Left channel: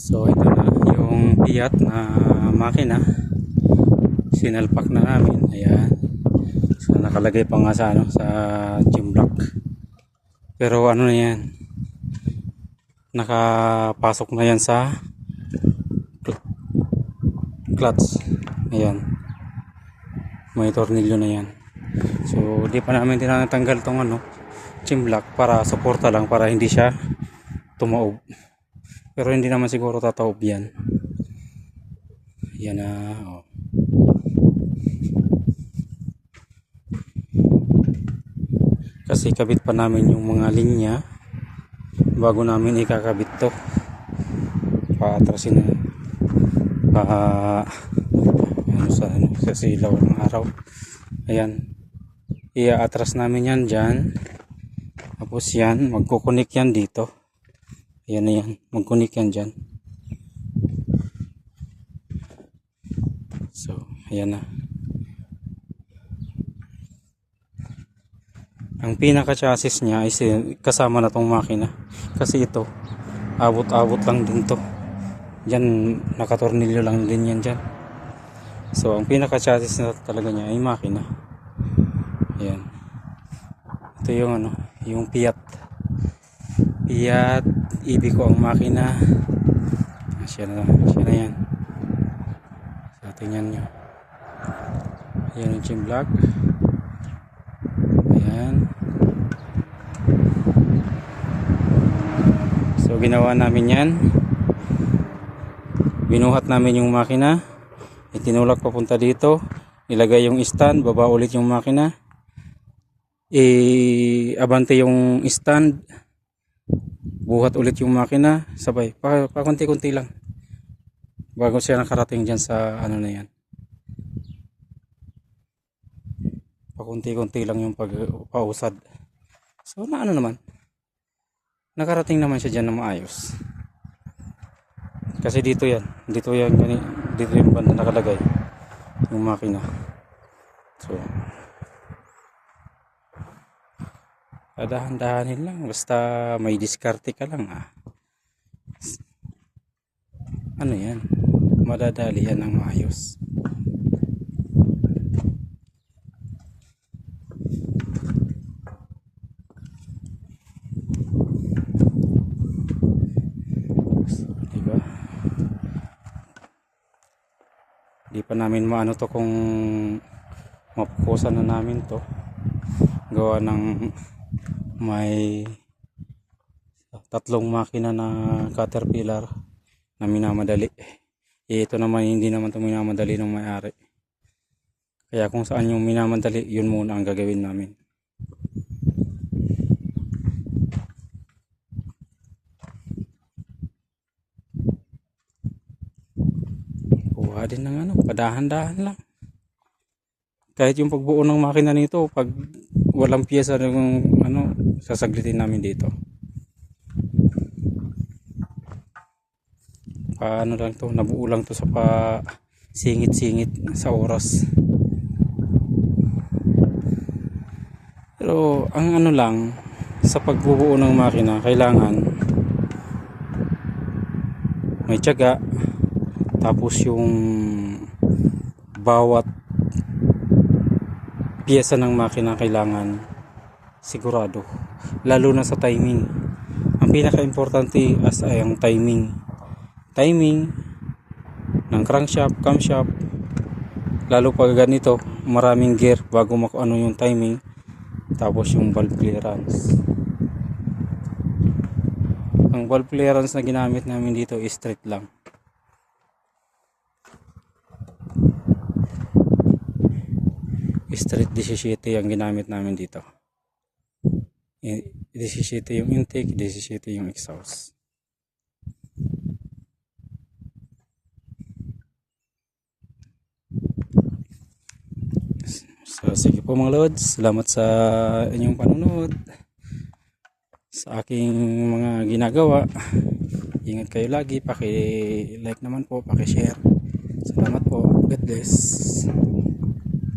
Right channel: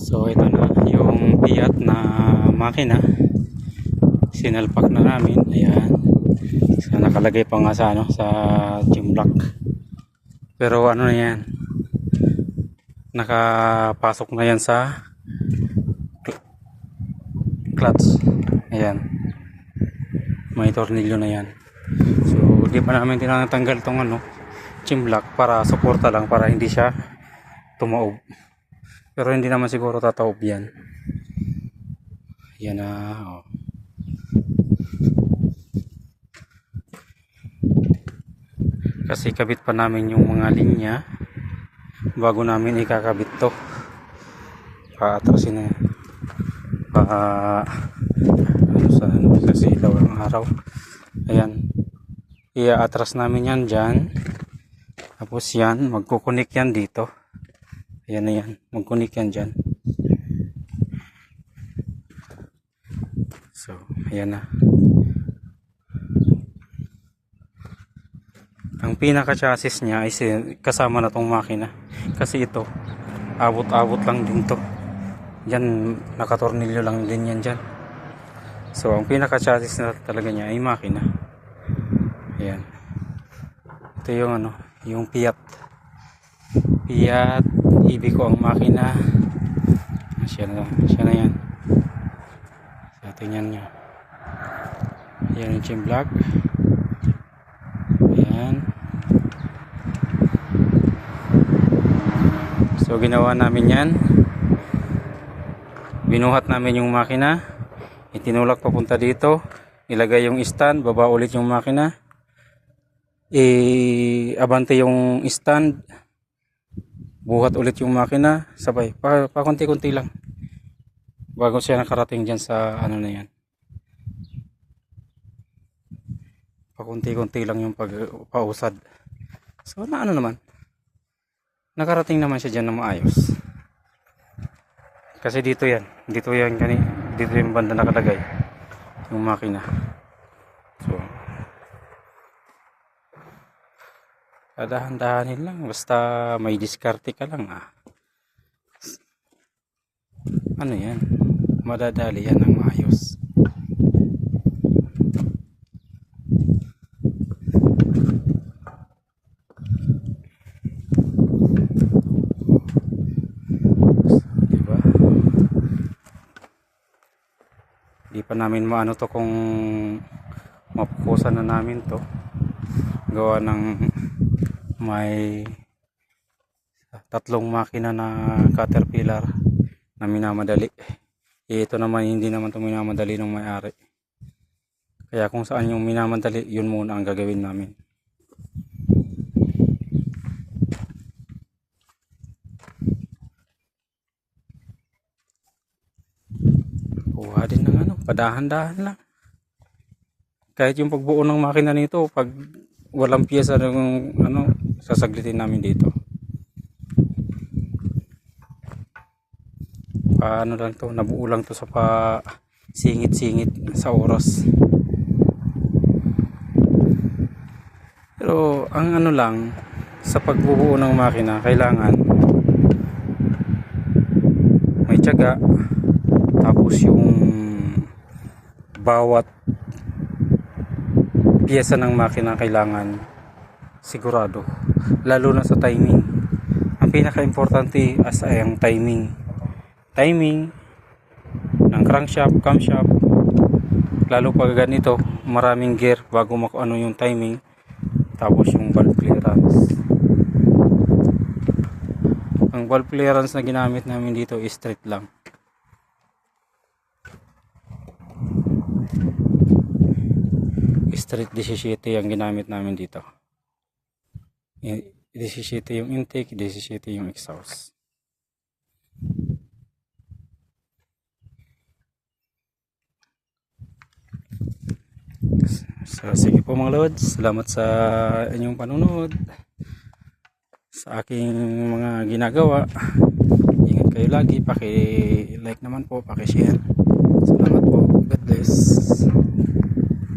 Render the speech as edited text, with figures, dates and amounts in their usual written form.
So ito na yung Fiat na makina, sinalpak na namin. Ayan, so nakalagay pa nga sa sa gym block, pero ano na yan, nakapasok na yan sa clutch. Ayan, may tornilyo na yan. So di pa namin tinatanggal tong gym block para suporta lang, para hindi siya tumaob. Pero hindi naman siguro tataob yan. Yan na. Oh. Kasi kabit pa namin yung mga linya bago namin ikakabit to. Paatrasin na yan. Sa silaw ng araw. Ayan. Iaatras namin yan dyan. Tapos yan, magkukunik yan dito. Ayan na yan, magkunik yan dyan. So, ayan na. Ang pinaka-chassis niya ay kasama na tong makina. Kasi ito, abot-abot lang din to. Yan, nakatornilyo lang din yan dyan. So, ang pinaka-chassis na talaga niya ay makina. Ayan. Ito yung yung Fiat. Ibig ko ang makina. Siya na yan. So, tingnan nyo. Ayan yung gym block. Ayan. So ginawa namin yan. Binuhat namin yung makina. Itinulak papunta dito. Ilagay yung stand. Baba ulit yung makina. Abante yung stand. Buhat ulit yung makina, sabay pakunti-kunti lang bago siya nakarating dyan sa na yan. Pakunti-kunti lang yung pausad. So naman, nakarating naman siya dyan na maayos. Kasi dito yung banda nakalagay yung makina. So dahan-dahanin lang, basta may diskarte ka lang ano yan, madadali yan ng maayos. Diba? Di pa namin maano to kung mapukusan na namin to, gawa ng may tatlong makina na Caterpillar na minamadali. Ito naman hindi naman ito minamadali ng may-ari. Kaya kung saan yung minamadali, yun muna ang gagawin namin. Kuha din ng padahan-dahan lang. Kahit yung pagbuo ng makina nito, pag walang piyesa ng sasaglitin namin dito. Paano lang to, nabuo lang to sa singit-singit sa oras. Pero ang lang sa pagbubuo ng makina, kailangan may tiyaga, tapos yung bawat piyesa ng makina kailangan sigurado, lalo na sa timing. Ang pinaka-importante ay ang timing ng crankshaft, camshaft, lalo pag ganito maraming gear bago yung timing. Tapos yung valve clearance, ang valve clearance na ginamit namin dito is strict lang. Strict 17 ang ginamit namin dito. 17 yung intake, 17 yung exhaust. So sige po mga lods, salamat sa inyong panonood sa aking mga ginagawa. Ingat kayo lagi, paki-like naman po, paki-share. Salamat po. God bless.